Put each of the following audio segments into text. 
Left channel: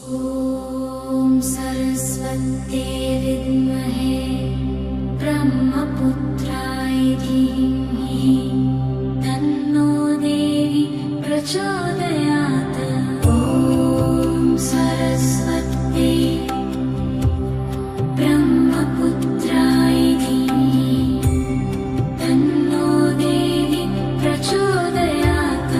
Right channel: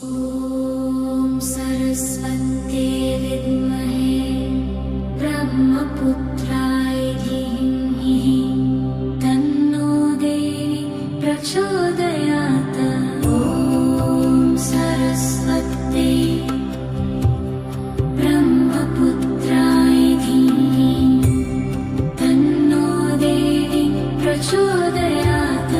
ॐ सरस्वत्यै विद्महे ब्रह्मपुत्राय धीमहि तन्नो देवी प्रचोदयात्। ॐ सरस्वत्यै ब्रह्मपुत्राय धीमहि तन्नो देवी प्रचोदयात्।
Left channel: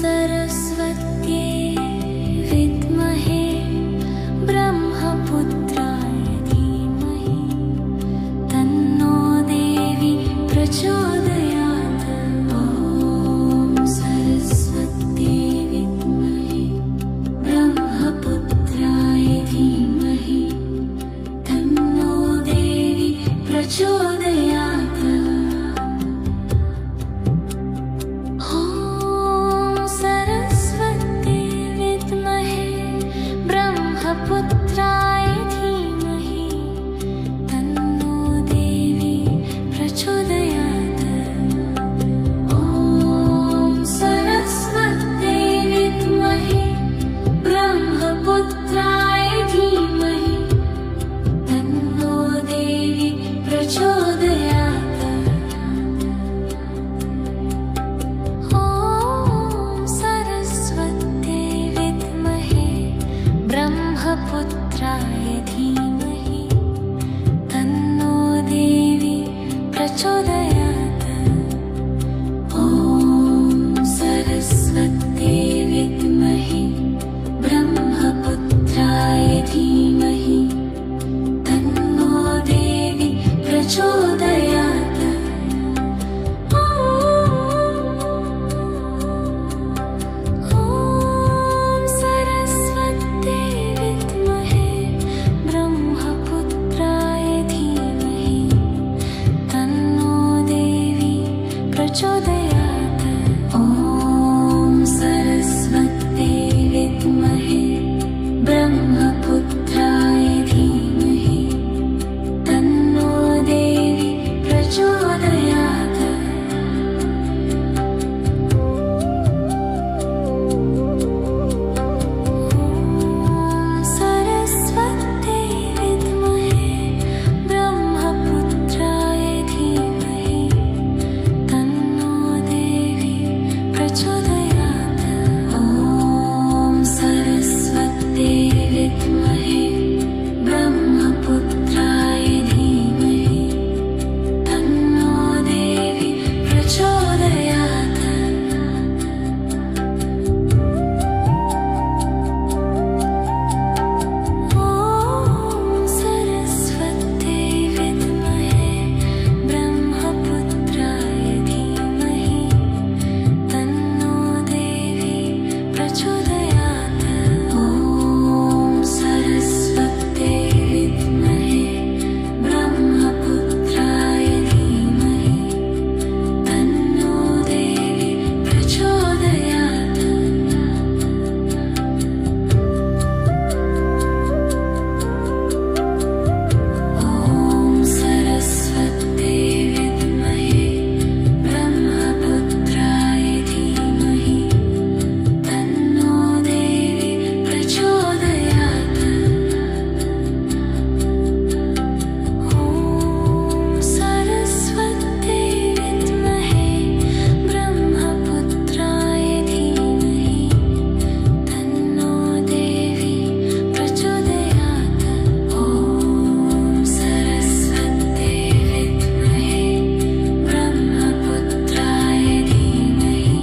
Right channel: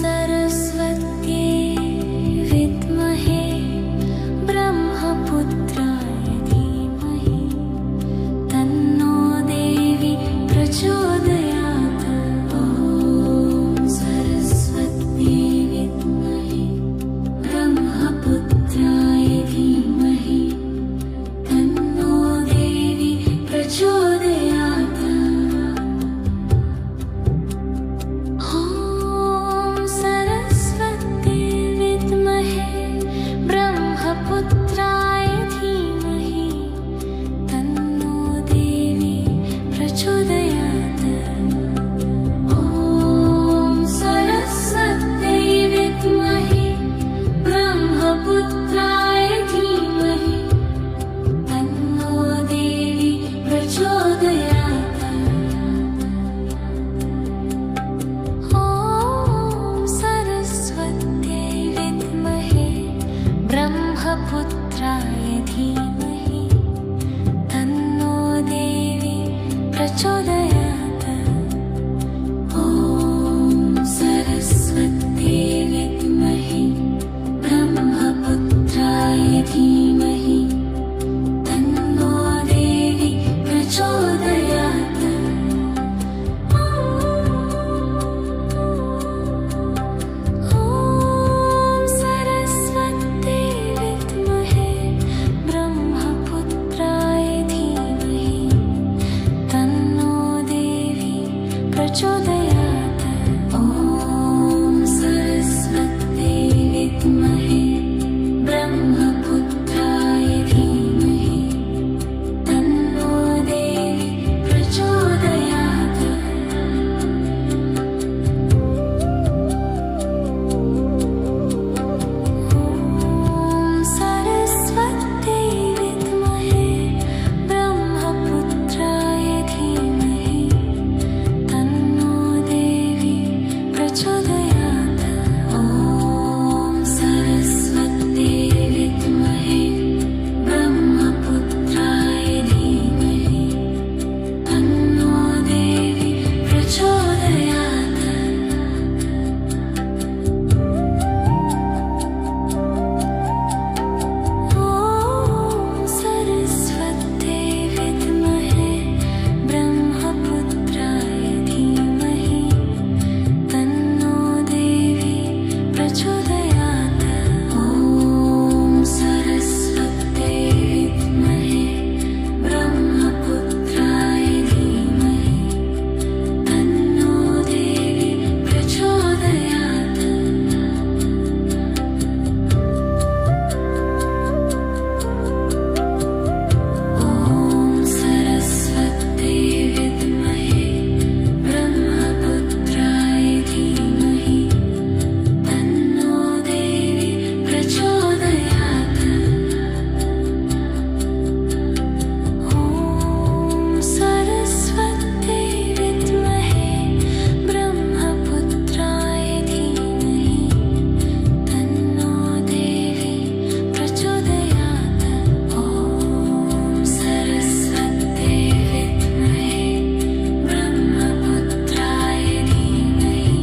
सरस्वत्यै विद्महे ब्रह्मपुत्राय धीमहि तन्नो देवी प्रचोदयात्। ॐ सरस्वत्यै विद्महे ब्रह्मपुत्राय धीमहि तन्नो देवी प्रचोदयात्। ब्रह्मपुत्राय धीमहि तन्नो देवी प्रचोदयात्। ॐ सरस्वत्यै विद्महे ब्रह्मपुत्राय धीमहि तन्नो देवी प्रचोदयात्। ॐ सरस्वत्यै विद्महे ब्रह्मपुत्राय धीमहि तन्नो देवी प्रचोदयात्। ॐ सरस्वत्यै विद्महे ब्रह्मपुत्राय धीमहि तन्नो देवी प्रचोदयात्। ब्रह्मपुत्राय धीमहि तन्नो देवी प्रचोदयात्। ॐ सरस्वत्यै विद्महे ब्रह्मपुत्राय धीमहि तन्नो देवी प्रचोदयात्। ॐ सरस्वत्यै विद्महे ब्रह्मपुत्राय धीमहि तन्नो देवी प्रचोदयात्। ॐ सरस्वत्यै विद्महे ब्रह्मपुत्राय धीमहि तन्नो देवी प्रचोदयात्। विद्महे ब्रह्मपुत्राय धीमहि तन्नो देवी प्रचोदयात्। ॐ सरस्वत्यै विद्महे ब्रह्मपुत्राय धीमहि तन्नो देवी प्रचोदयात्। धीमहि तन्नो देवी प्रचोदयात्। ॐ सरस्वत्यै विद्महे ब्रह्मपुत्राय धीमहि तन्नो देवी प्रचोदयात्। ॐ सरस्वत्यै विद्महे ब्रह्मपुत्राय धीमहि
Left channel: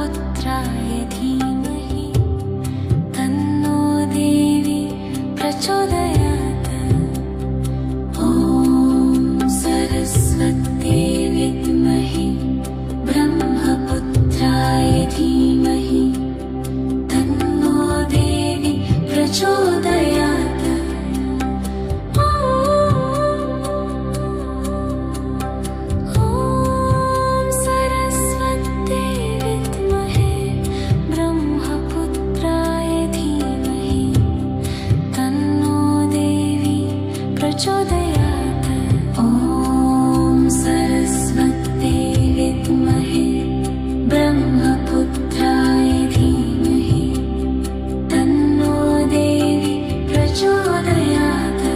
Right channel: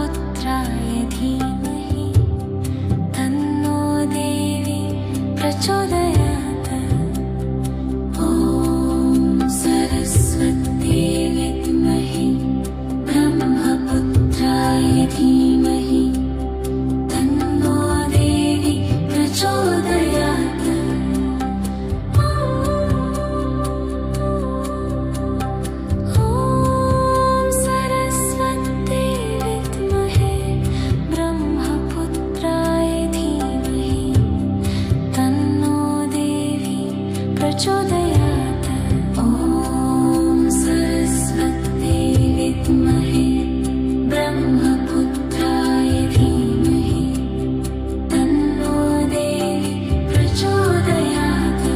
ब्रह्मपुत्राय धीमहि तन्नो देवी प्रचोदयात्। ॐ सरस्वती विद्महे ब्रह्मपुत्राय धीमहि तन्नो देवी प्रचोदयात्। ॐ सरस्वती विद्महे ब्रह्मपुत्राय धीमहि तन्नो देवी प्रचोदयात्। ॐ सरस्वती विद्महे ब्रह्मपुत्राय धीमहि तन्नो देवी प्रचोदयात्।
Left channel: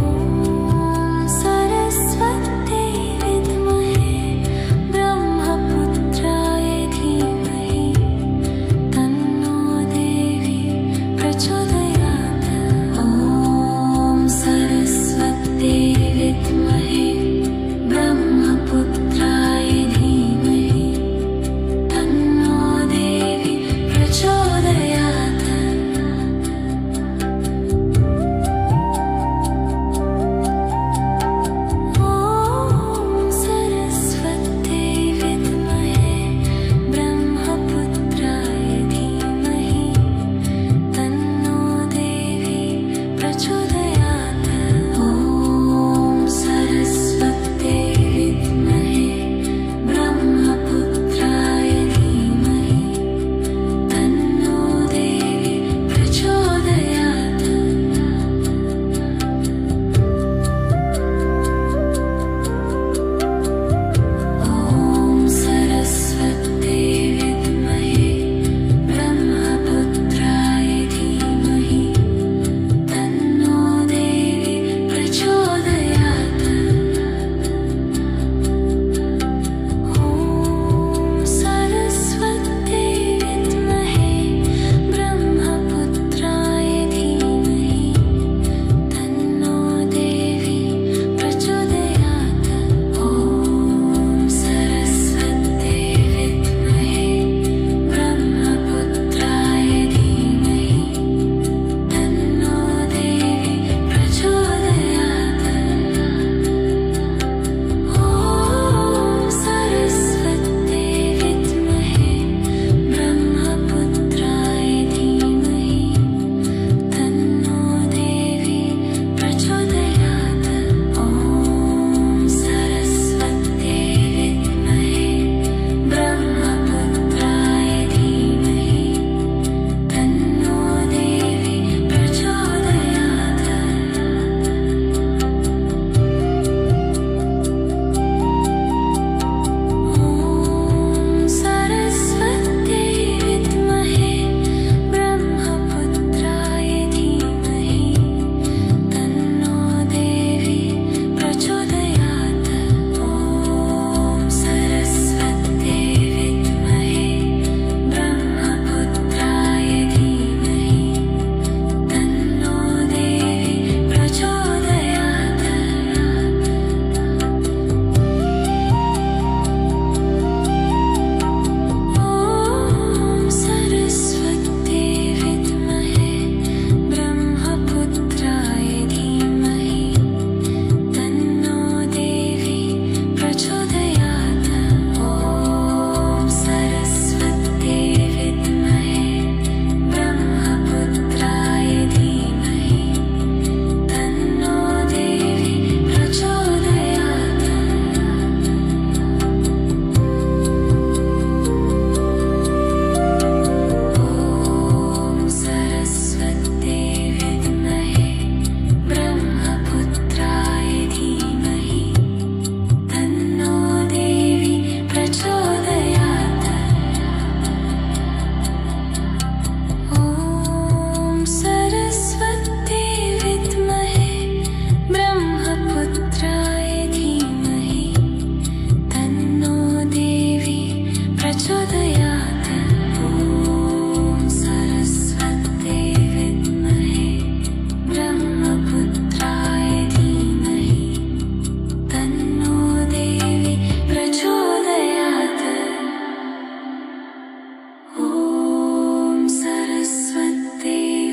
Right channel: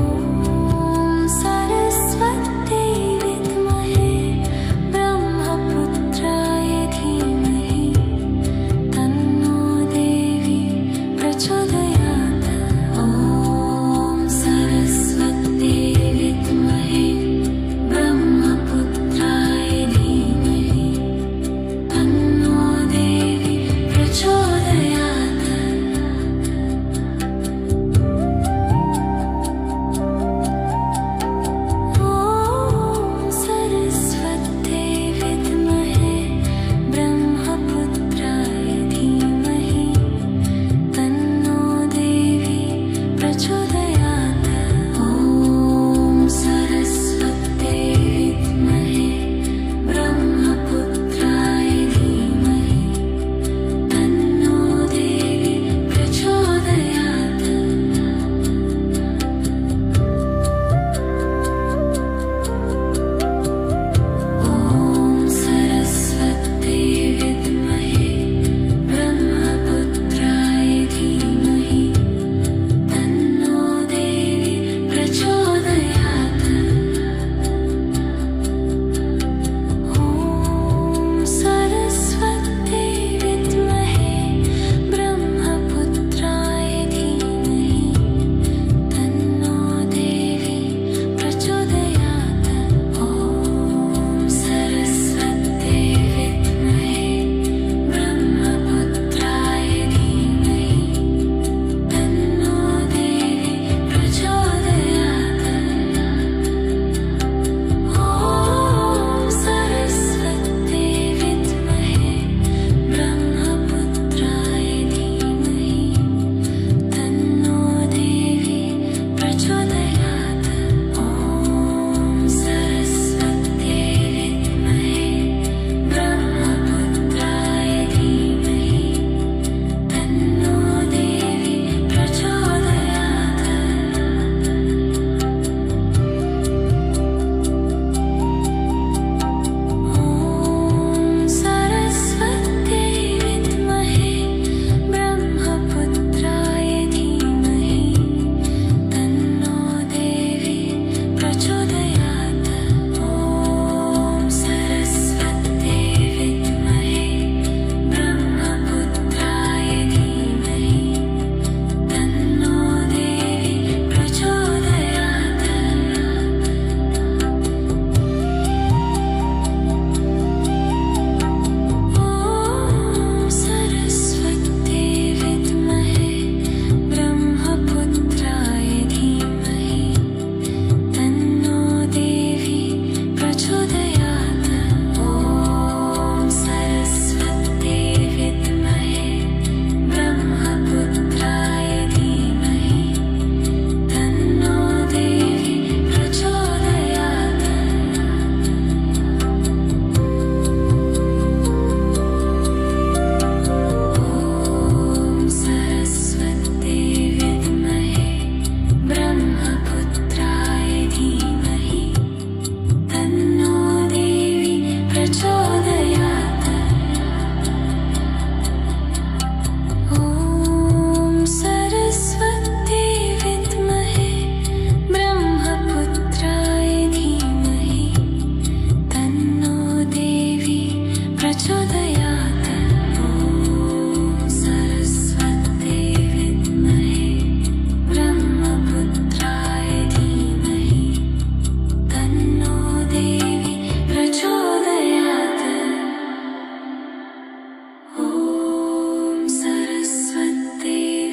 ॐ सरस्वती विद्महे ब्रह्मपुत्राय धीमहि तन्नो देवी प्रचोदयात्। ॐ सरस्वती विद्महे ब्रह्मपुत्राय धीमहि तन्नो देवी प्रचोदयात्। ॐ सरस्वती विद्महे ब्रह्मपुत्राय धीमहि तन्नो देवी प्रचोदयात्। ॐ सरस्वती विद्महे ब्रह्मपुत्राय धीमहि तन्नो देवी प्रचोदयात्। ॐ सरस्वती विद्महे ब्रह्मपुत्राय धीमहि तन्नो देवी प्रचोदयात्। ॐ सरस्वती विद्महे ब्रह्मपुत्राय धीमहि तन्नो देवी प्रचोदयात्। ॐ सरस्वती विद्महे ब्रह्मपुत्राय धीमहि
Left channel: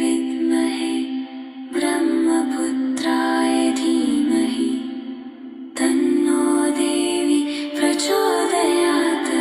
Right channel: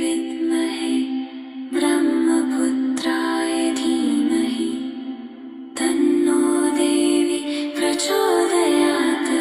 विद्महे ब्रह्मपुत्राय धीमहि तन्नो देवी प्रचोदयात्।